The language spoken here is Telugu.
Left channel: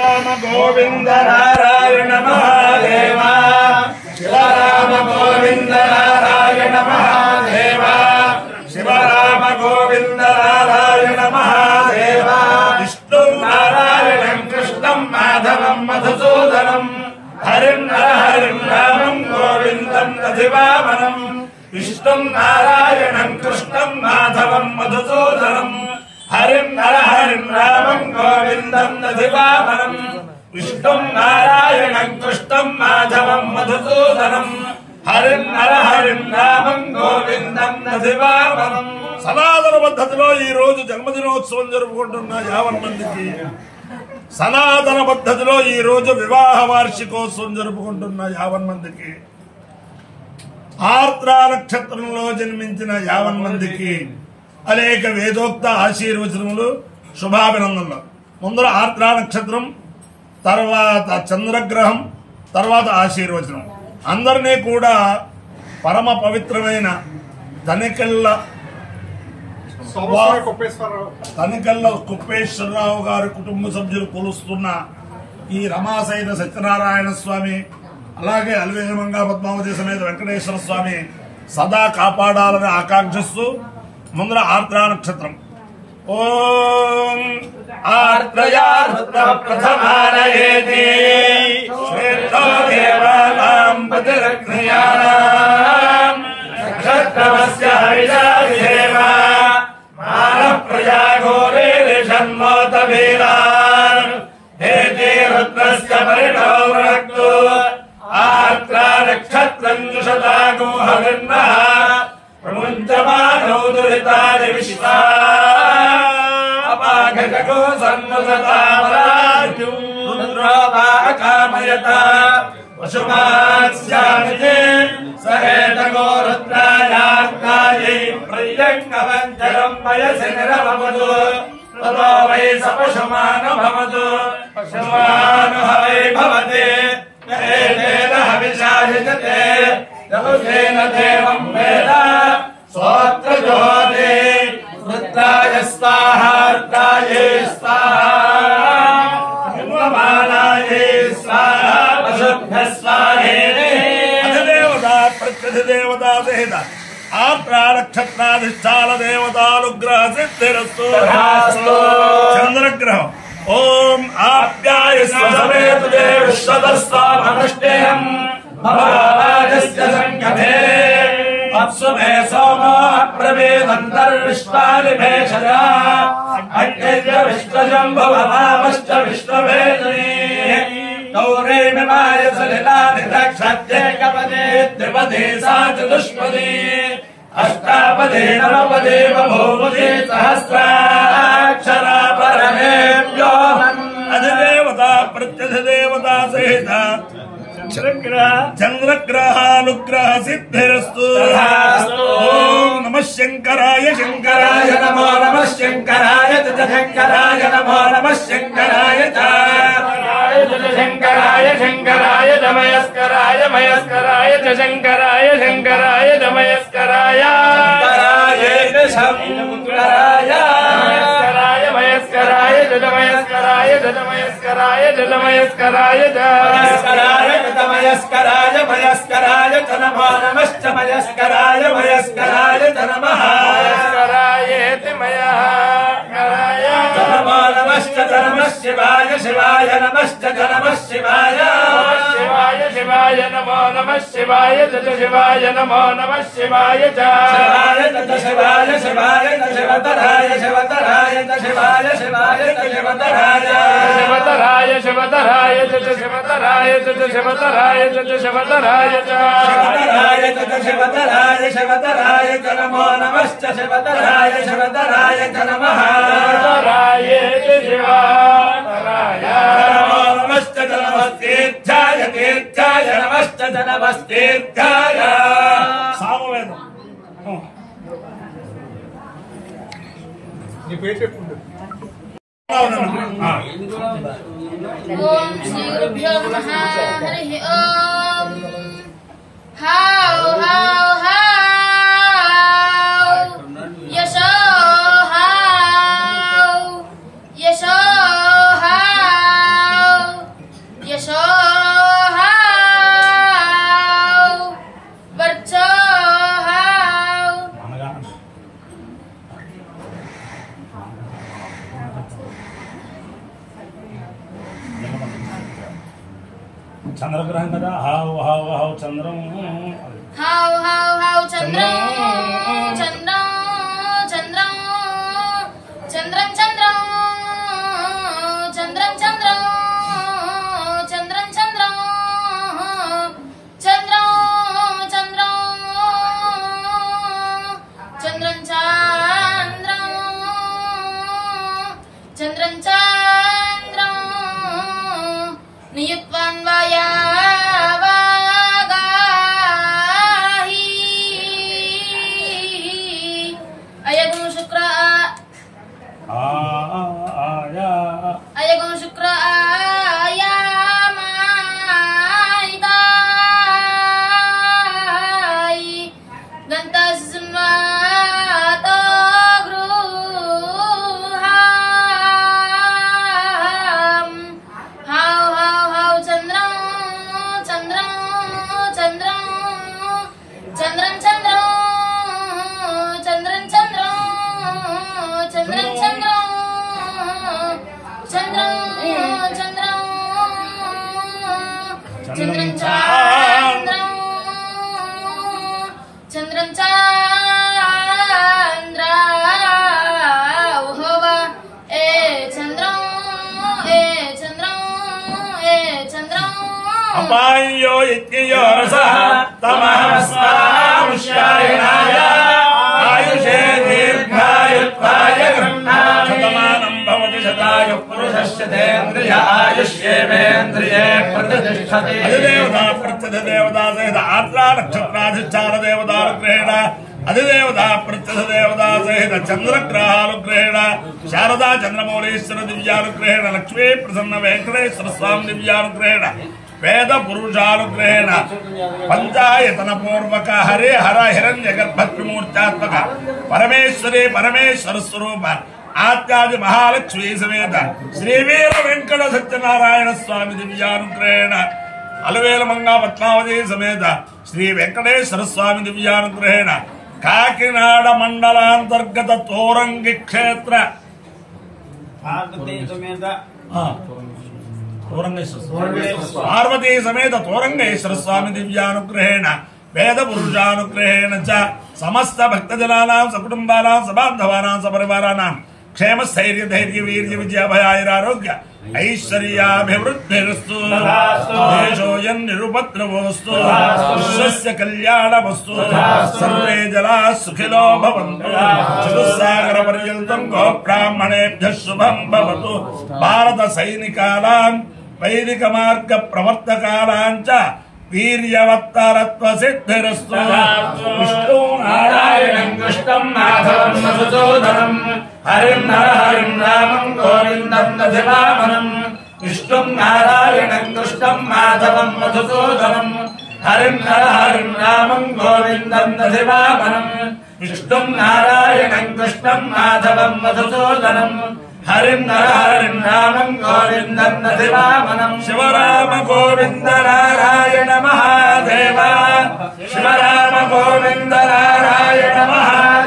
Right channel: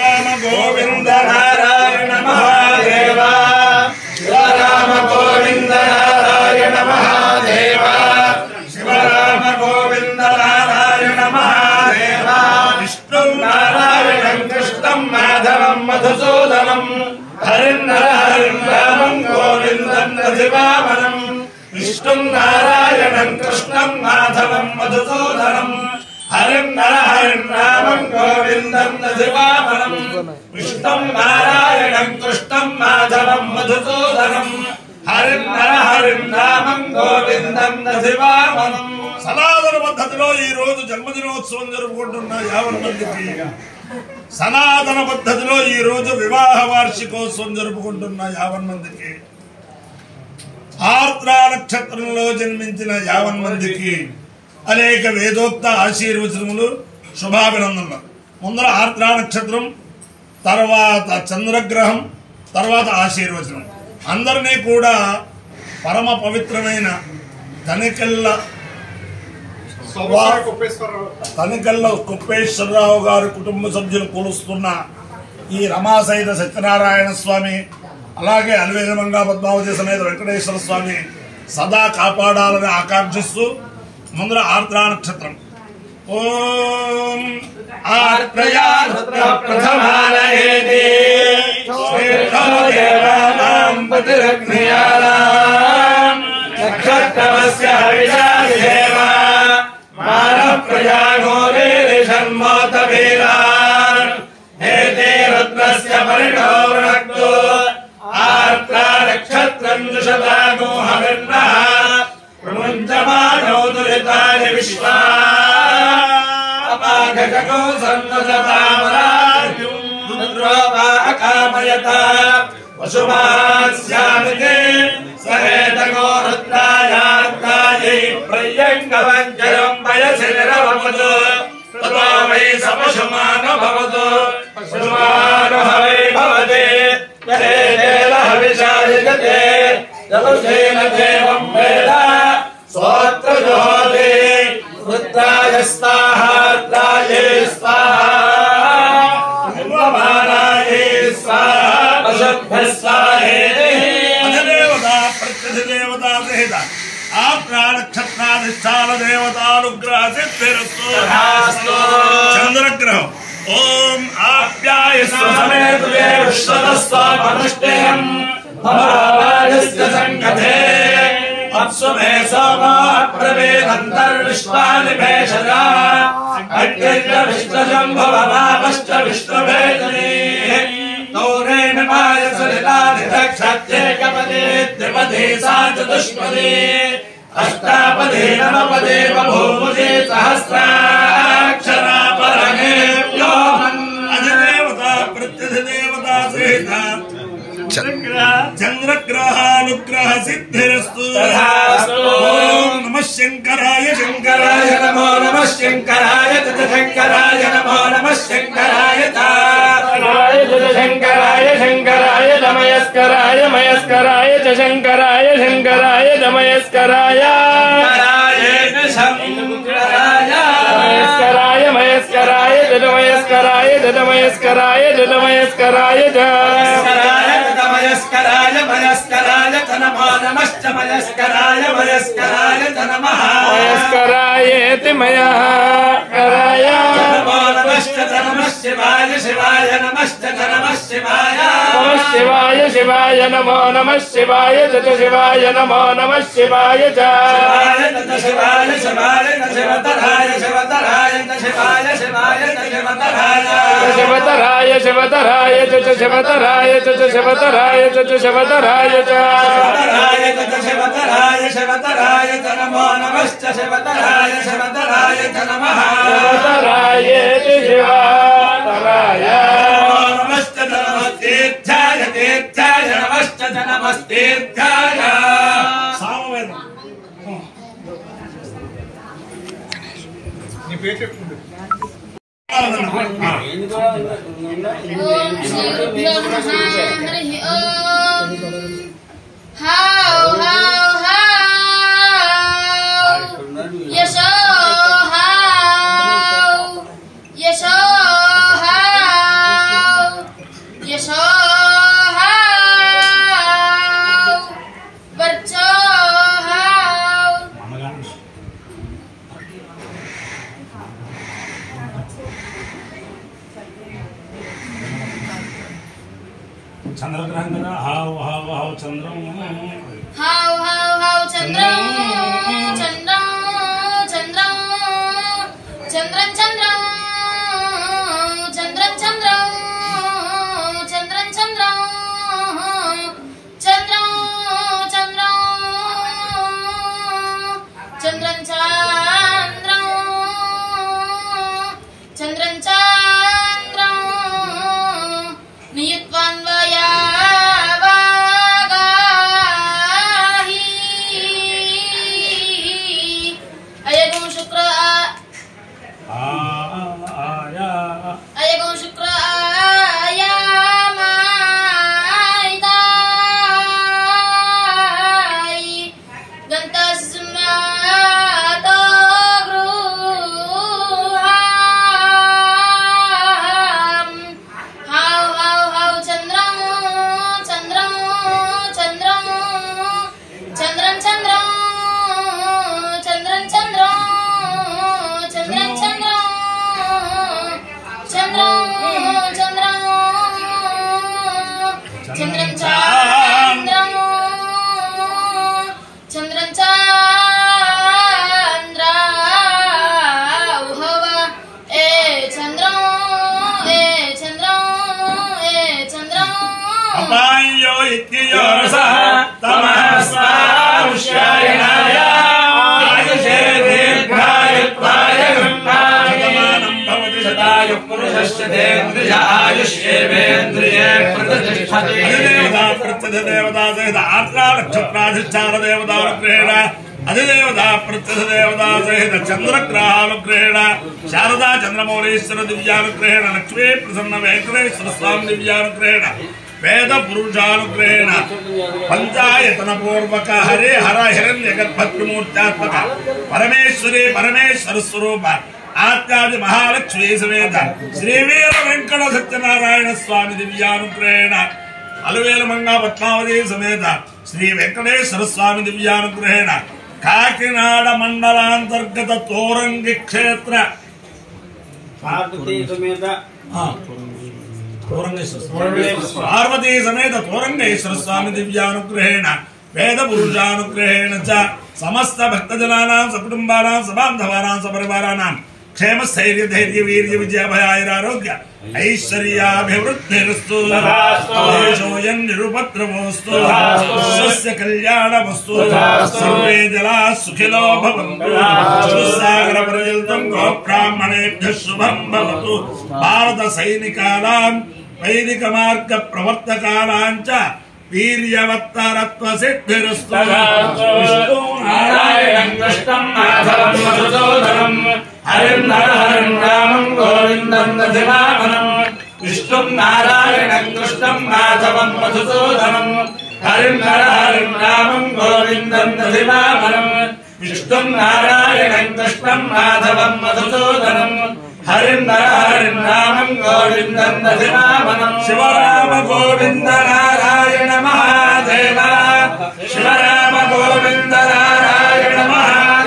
राम गोविंद नारायण महादेवा शिव राम गोविंद नारायण महादेवा शिव राम गोविंद नारायण महादेवा विष्णु नारायणं कृष्णं माधवं मधुसूदनं हरिं नरहरिं रामं गोविंदं दधिवामनं विष्णु नारायणं कृष्णं माधवं मधुसूदनं हरिं नरहरिं रामं गोविंदं दधिवामनं विष्णु नारायणं कृष्णं माधवं मधुसूदनं हरिं नरहरिं रामं गोविंदं दधिवामनं సనాతన పద్ధతిలో ఈ రోజు జన్మదినోత్సవం జరుపుకుంటున్న 50 మందికి సనాతన పద్ధతిలో ఈ రోజు వివాహ వార్షికోత్సవం జరుపుకుంటున్న 50 మందికి ఆర్ద్ర నక్షత్రంలో జన్మించిన 50 మందికి అనేక వేదోక్త ఆశీర్వచనములు శుభాభినందనలు. ముందర ఆర్ద్ర నక్షత్రం, తర్వాత చంద్రగ్రహం, తర్వాత ఆశీర్వచనం. అందరినీ కూడా పరమ పవిత్రమైన తనికెళ్ళ కుప్పేశ్వరరావు గారి కుటుంబ సభ్యులు కొలుస్తున్న ఈ రమాసహిత సత్యనారాయణ స్వామి, అలాగే అల్వేదమంగా పద్మావతి సమేత వెంకటేశ్వర స్వామి సదా కాపాడాలని ఆకాంక్షిస్తూ ముందర ఆర్ద్ర నక్షత్రం. ఓం ఆర్ద్రయా ప్రథమాలయేతే శ్రేష్ఠో దేవానాం పతిరగ్నియానాం నక్షత్రమస్య హరిషాదేవా మానః ప్రజాఘోరేషన్మోత వీరాన్ హేతే రుద్రస్య పరిణోవృణక్తు ఆర్ద్ర నక్షత్రం దుషదాగో హవిర్నః ప్రముంచమానో దురితాని విశ్వా అపాఘగో సన్నదతామరాజు రుద్రోవా అకామయత వశుమాస్యామితే సహేతగో రుద్రాయార్కాయై ప్రియంగవంచరం వయసి నిరవమదు తతో వై సపశుమాన భవతు పశుమాన హవే భవతి యహేన హవిషాయతే యవసేన దేవం వేద సోత్రజోతే రుద్రాయ స్వాహా రుద్రాయే స్వాహా బ్రహ్మమానాయే స్వాహా పశుభ్యః స్వాహేతి అధిదేవతా ప్రత్యధిదేవతా సహిత ఆర్ద్ర నక్షత్రాధిష్టాన దేవతానుగ్రహ సిద్ధిరస్తు. చంద్రగ్రహం. ఓం ఆప్యాయస్వసమేతువేష్వతస్వామనష్టేయం భవారాజస్య సంకథే అప్సుమే సోమో అబ్రవీదంతర్విశ్వాని భేషజా అగ్నిర్య విష్ణుజంభువమాపశ్చ విష్ణువేదనీ గౌరే మిమాయ సలిలాని దక్షత్యేకపదే త్రిపదే సా చతుష్పదే అష్టాపదే నవపదే బభూవదే సహస్రాక్షరా పరమే వ్యోమన్ అధిదేవత ప్రత్యధిదేవతా సహిత చంద్రగ్రహానుగ్రహ సిద్ధిరస్తు. ఓం నమః శంకరాయ శంకరాయ నమో నమః శంకరాయ శంకరాయ నమో నమః శంకరాయ శంకరాయ శంకరాయ నమస్కరాయ మయస్కరాయ శంకరాయ శంకరాయ నమస్కరాయ శంకరాయ మయస్కరాయ నమస్కరాయ నమస్కరాయ నమస్కరాయ మయస్కరాయ మయస్కరాయ నమో నమశ్చ మయస్కరాయ మయస్కరాయ నమః మయస్కరాయేతి మయఃకరాయ నమో నమశ్చ నమః శివాయ శివాయ నమశ్చ నమః శివాయ శివాయ శివాయ నమో నమః శివాయ శివాయ నమో నమః శివాయ శివాయ శివాయ శివాయ శివతరాయ శివతరాయ శివాయ శివాయ శివతరాయ శివతరాయ శివతరాయ శివతరాయ శివతరాయ శివతరాయ శివతరాయ శివతరాయ నమో నమశ్చ శివతరాయ శివతరాయ నమః నమో నమశ్చ నమస్తీర్థాయ తీర్థాయ నమశ్చ నమస్తీర్థాయ. సామవేదం. నీ పేరు చెప్పుకుంటు. ఓం శ్రీ గురుభ్యో నమః. హరి ఓం. హౌ హౌ హౌ యశో హౌ యశో హౌ చంద్రగ్రహం కదా హావు హావు హావు చంద్రం హావ్ హావ్ హావ్ చంద్రం చంద్రం చంద్రం చంద్రం చంద్రం చంద్రం చంద్రం చంద్రం చంద్రం చంద్రం చంద్రం చంద్రం చంద్రం చంద్రం చంద్రం నియుత్వాన్వయా అయగం శుక్ర ఆయామాయితాయి గంతస్మాతో గృహాం హావ్ హావ్ హావ్ చంద్రం చంద్రం చంద్రం చంద్రం చంద్రం చంద్రం చంద్రం చంద్రం చంద్రం చంద్రం చంద్రం చంద్రం చంద్రం చంద్రం చంద్ర ఉహవ ఏ చంద్రం ఏ చంద్రం ఏ చంద్రం అపాయో ఇత్యయో రసః తమస్మాముష్యాయనాయ ఆయుషే దీర్ఘాయుత్వాయ గృహ్ణాశతమానం భవతి శతాయు పురుషస్య తేంద్రియ ఆయుష్యేవేంద్రియే ప్రతిష్టతి అధిదేవతా ప్రత్యధిదేవతా సహిత ఆర్ద్రా నక్షత్రాధిష్టాన దేవతానుగ్రహేణ అధిదేవతా ప్రత్యధిదేవతా సహిత చంద్రగ్రహానుగ్రహేణ శారదా చంద్రమౌళీశ్వర దివ్యానుగ్రహేణ లక్ష్మీ ప్రసన్న వెంకటేశ్వర స్వామి దివ్యానుగ్రహేణ వేద పురుషానుగ్రహేణ పంచాయతన పూర్వక హరే హర హిరణ్య గర్భత్రిమూర్త్యాత్మక పరమేశ్వరి పరమేశ్వర స్వరూప ఆత్యాది మహాలక్ష్మీ సమేత శ్రీవీర వెంకట సత్యనారాయణ స్వామి దివ్యానుగ్రహేణ అలవేల మంగా పద్మావతి సమేత శ్రీ వెంకటేశ్వర స్వామి దివ్యానుగ్రహేణ కాకినాడ మండలాంతర్గత తోరంగి క్షేత్ర పార్వతీ సమేత తోరంగేశ్వర స్వామి దివ్యానుగ్రహేణ వేద పురుషానుగ్రహేణ చ సమస్త భక్తజనానాం సకుటుంబానాం సబాంధవానాం సపరివారానాం క్షేమ స్థైర్య ధైర్య వీర్య విజయభయాయురారోగ్య ఐశ్వర్యాభివృద్ధిరస్తు దేశోయం నిరుపద్రవోస్తు విశ్వస్య కళ్యాణమస్తు సర్వే జలా సుఖినో భవంతు చతుస్సాగర పర్యంతం గోబ్రాహ్మణేభ్యః శుభం భవతు భారత సైనికానాం వైదిక మార్గ ప్రవర్తకానాం చ వీర్యవత్తరత్వ సిద్ధిరస్తు విష్ణు నారాయణం కృష్ణం మాధవం మధుసూదనం హరిం నరహరిం రామం గోవిందం దధివామనం విష్ణుం నారాయణం కృష్ణం మాధవం మధుసూదనం హరిం నరహరిం రామం గోవిందం దధివామనం విష్ణుం నారాయణం కృష్ణం మాధవం మధుసూదనం హరిం నరహరిం రామం గోవిందం దధివామనం శివరామ గోవింద నారాయణ మహాదేవ శివరామ గోవింద నారాయణ మహాదేవ